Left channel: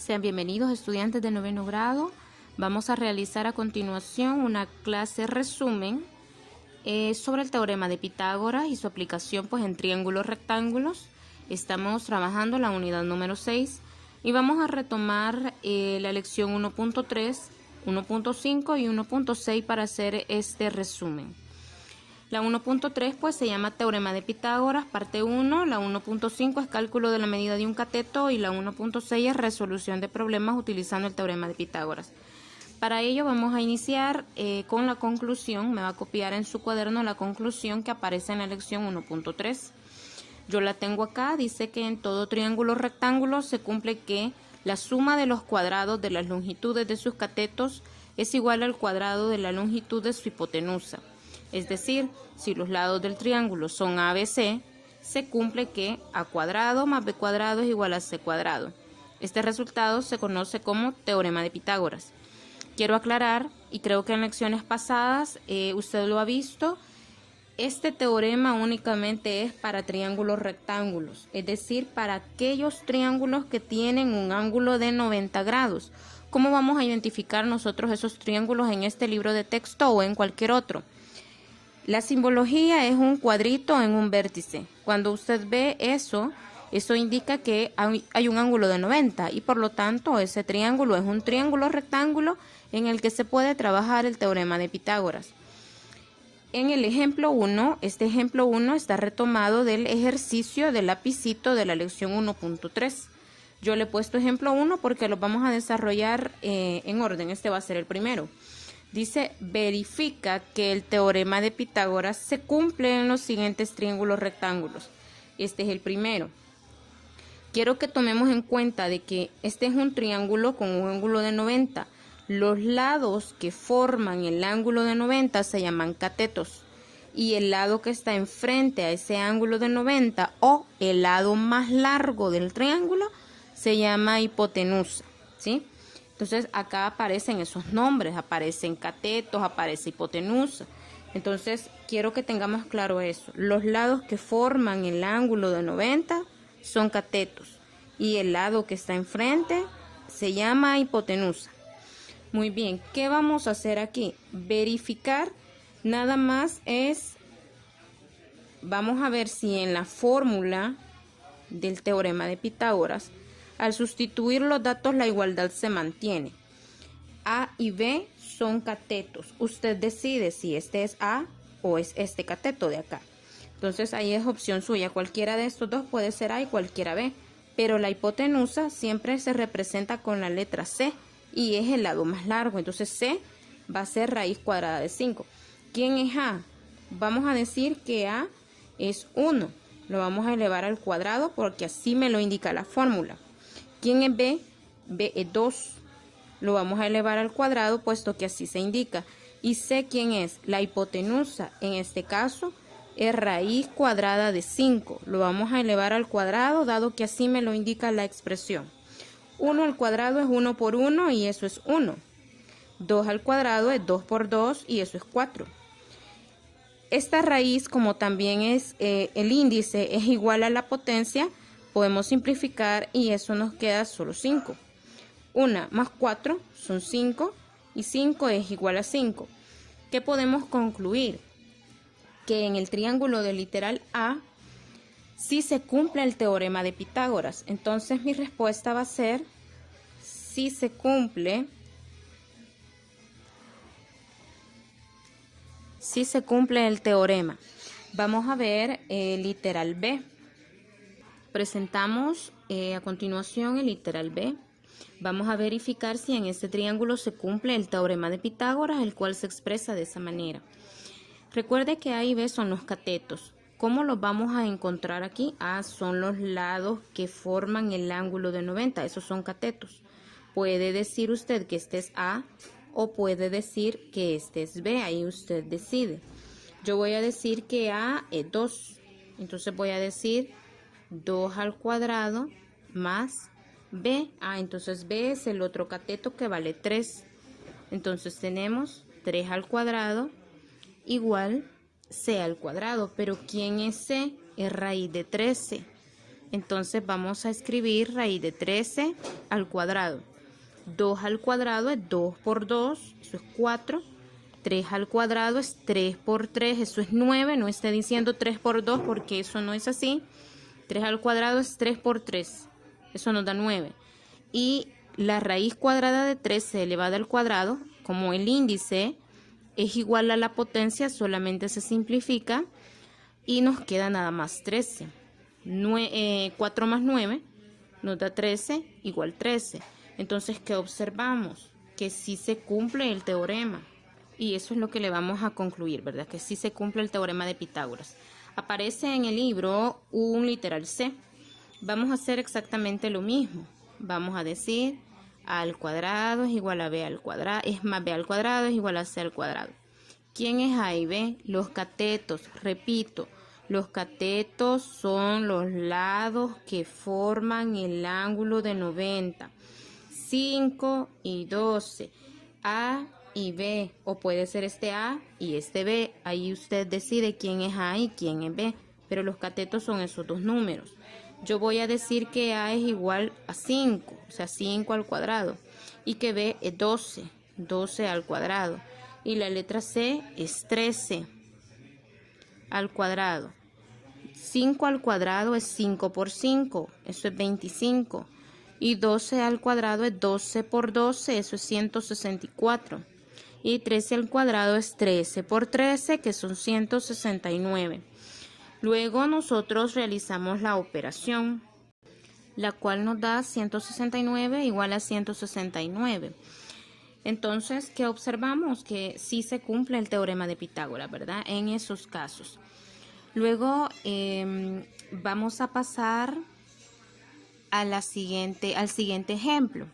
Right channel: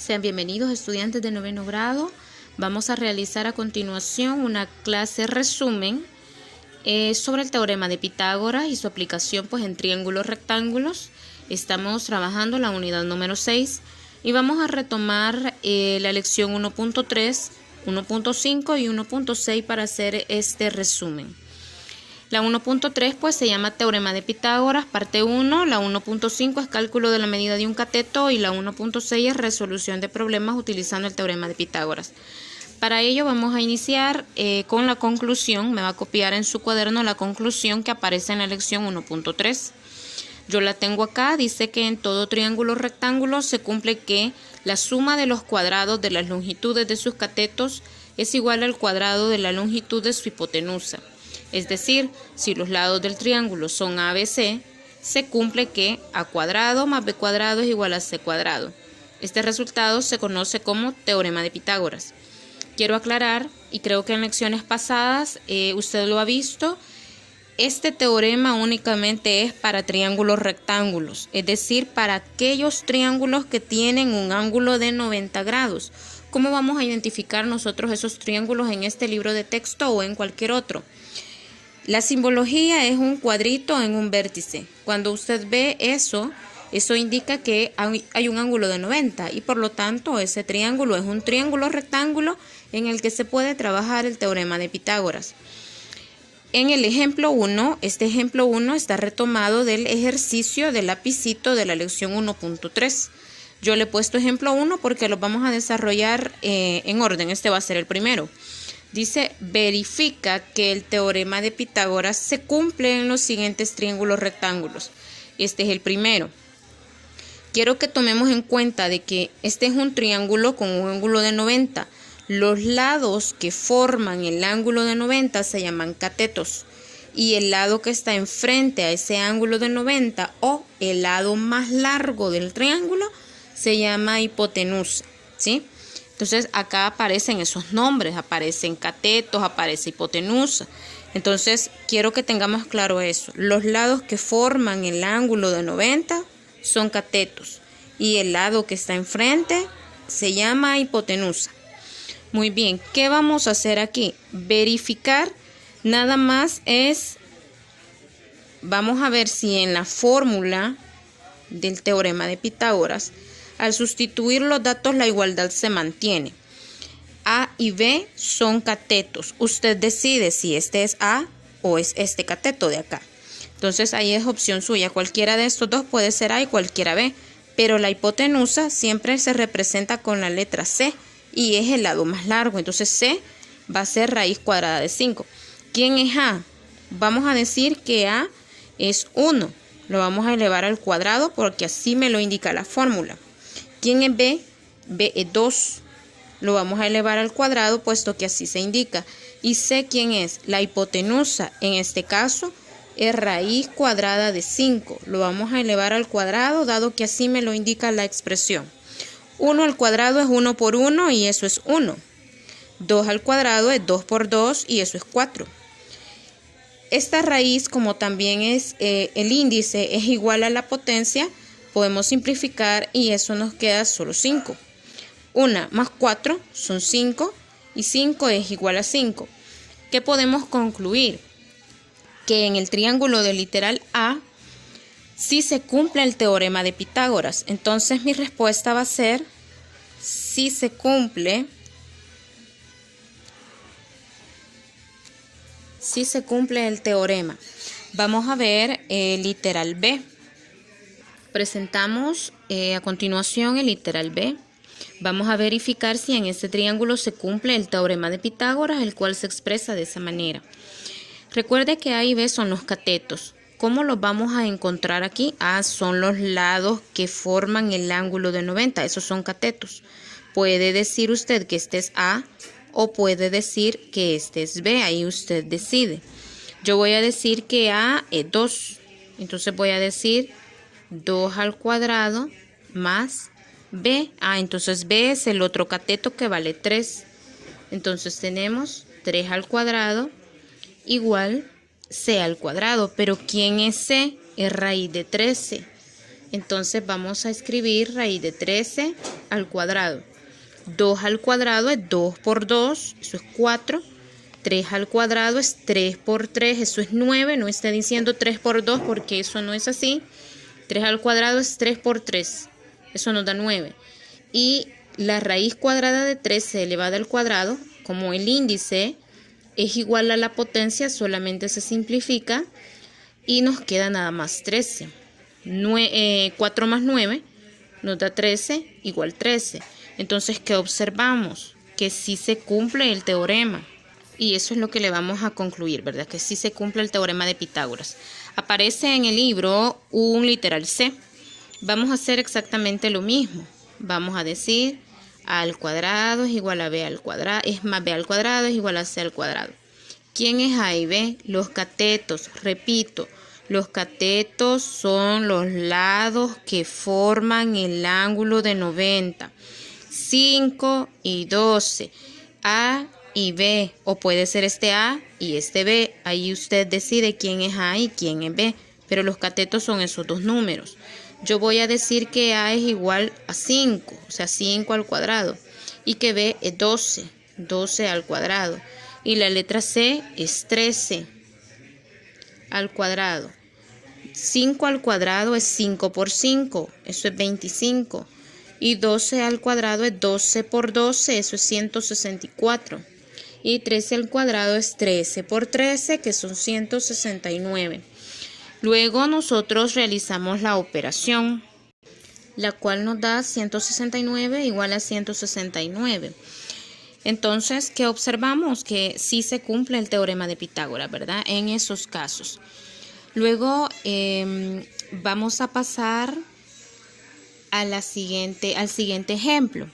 Sean bienvenidos estudiantes de noveno grado. Vamos a realizar a continuación una clase resumen sobre el teorema de Pitágoras y su aplicación en triángulos rectángulos. Estamos trabajando la unidad número 6 y vamos a retomar la lección 1.3, 1.5 y 1.6 para hacer este resumen. La 1.3 se llama Teorema de Pitágoras, parte 1, la 1.5 es cálculo de la medida de un cateto y la 1.6 es resolución de problemas utilizando el Teorema de Pitágoras. Para ello vamos a iniciar con la conclusión, me va a copiar en su cuaderno la conclusión que aparece en la lección 1.3. Yo la tengo acá, dice que en todo triángulo rectángulo se cumple que la suma de los cuadrados de las longitudes de sus catetos es igual al cuadrado de la longitud de su hipotenusa. Es decir, si los lados del triángulo son ABC, se cumple que a cuadrado más b cuadrado es igual a c cuadrado. Este resultado se conoce como teorema de Pitágoras. Quiero aclarar, y creo que en lecciones pasadas usted lo ha visto, este teorema únicamente es para triángulos rectángulos, es decir, para aquellos triángulos que tienen un ángulo de 90 grados. ¿Cómo vamos a identificar nosotros esos triángulos en este libro de texto o en cualquier otro? La simbología es un cuadrito en un vértice. Cuando usted ve eso indica que hay un ángulo de 90 y por lo tanto ese triángulo es un triángulo rectángulo en el que se puede trabajar el teorema de Pitágoras. En el ejemplo 1, este ejemplo 1 está retomado del ejercicio del lapicito de la lección 1.3. Yo le he puesto ejemplo 1 porque lo vamos a desarrollar en orden. Este va a ser el primero. Dice, verifica que el teorema de Pitágoras se cumple en los siguientes triángulos rectángulos. Este es el primero. Quiero que tomemos en cuenta de que este es un triángulo con un ángulo de 90. Los lados que forman el ángulo de 90 se llaman catetos. Y el lado que está enfrente a ese ángulo de 90 o el lado más largo del triángulo se llama hipotenusa, ¿sí? Entonces acá aparecen esos nombres, aparecen catetos, aparece hipotenusa. Entonces quiero que tengamos claro eso. Los lados que forman el ángulo de 90 son catetos y el lado que está enfrente se llama hipotenusa. Muy bien, ¿qué vamos a hacer aquí? Verificar nada más es, vamos a ver si en la fórmula del teorema de Pitágoras, al sustituir los datos, la igualdad se mantiene. A y B son catetos. Usted decide si este es A o es este cateto de acá. Entonces ahí es opción suya. Cualquiera de estos dos puede ser A y cualquiera B. Pero la hipotenusa siempre se representa con la letra C y es el lado más largo. Entonces C va a ser raíz cuadrada de 5. ¿Quién es A? Vamos a decir que A es 1. Lo vamos a elevar al cuadrado porque así me lo indica la fórmula. ¿Quién es B? B es 2. Lo vamos a elevar al cuadrado puesto que así se indica. Y C, ¿quién es? La hipotenusa. En este caso es raíz cuadrada de 5. Lo vamos a elevar al cuadrado dado que así me lo indica la expresión. 1 al cuadrado es 1 por 1 y eso es 1. 2 al cuadrado es 2 por 2 y eso es 4. Esta raíz, como también es el índice es igual a la potencia, podemos simplificar y eso nos queda solo 5. 1 más 4 son 5 y 5 es igual a 5. ¿Qué podemos concluir? Que en el triángulo del literal A sí se cumple el teorema de Pitágoras. Entonces mi respuesta va a ser sí se cumple el teorema. Vamos a ver el literal B. Presentamos a continuación el literal B. Vamos a verificar si en este triángulo se cumple el teorema de Pitágoras, el cual se expresa de esa manera. Recuerde que A y B son los catetos. ¿Cómo los vamos a encontrar aquí? A son los lados que forman el ángulo de 90. Esos son catetos. Puede decir usted que este es A o puede decir que este es B. Ahí usted decide. Yo voy a decir que A es 2. Entonces voy a decir 2 al cuadrado más B. Entonces B es el otro cateto que vale 3. Entonces tenemos 3 al cuadrado igual C al cuadrado. Pero ¿quién es C? Es raíz de 13. Entonces vamos a escribir raíz de 13 al cuadrado. 2 al cuadrado es 2 por 2, eso es 4. 3 al cuadrado es 3 por 3, eso es 9. No está diciendo 3 por 2 porque eso no es así. 3 al cuadrado es 3 por 3, eso nos da 9. Y la raíz cuadrada de 13 elevada al cuadrado, como el índice es igual a la potencia, solamente se simplifica y nos queda nada más 13. 4 más 9 nos da 13 igual 13. Entonces, ¿qué observamos? Que sí se cumple el teorema. Y eso es lo que le vamos a concluir, ¿verdad? Que sí se cumple el teorema de Pitágoras. Aparece en el libro un literal C. Vamos a hacer exactamente lo mismo. Vamos a decir a al cuadrado es igual a b al cuadrado, es más b al cuadrado es igual a c al cuadrado. ¿Quién es a y b? Los catetos. Repito, los catetos son los lados que forman el ángulo de 90. 5 y 12. A y B, o puede ser este A y este B. Ahí usted decide quién es A y quién es B, pero los catetos son esos dos números. Yo voy a decir que A es igual a 5, o sea 5 al cuadrado, y que B es 12, 12 al cuadrado, y la letra C es 13 al cuadrado. 5 al cuadrado es 5 por 5, eso es 25, y 12 al cuadrado es 12 por 12, eso es 164. Y 13 al cuadrado es 13 por 13, que son 169. Luego nosotros realizamos la operación, la cual nos da 169 igual a 169. Entonces, ¿qué observamos? Que sí se cumple el teorema de Pitágoras, ¿verdad? En esos casos. Luego vamos a pasar al siguiente ejemplo.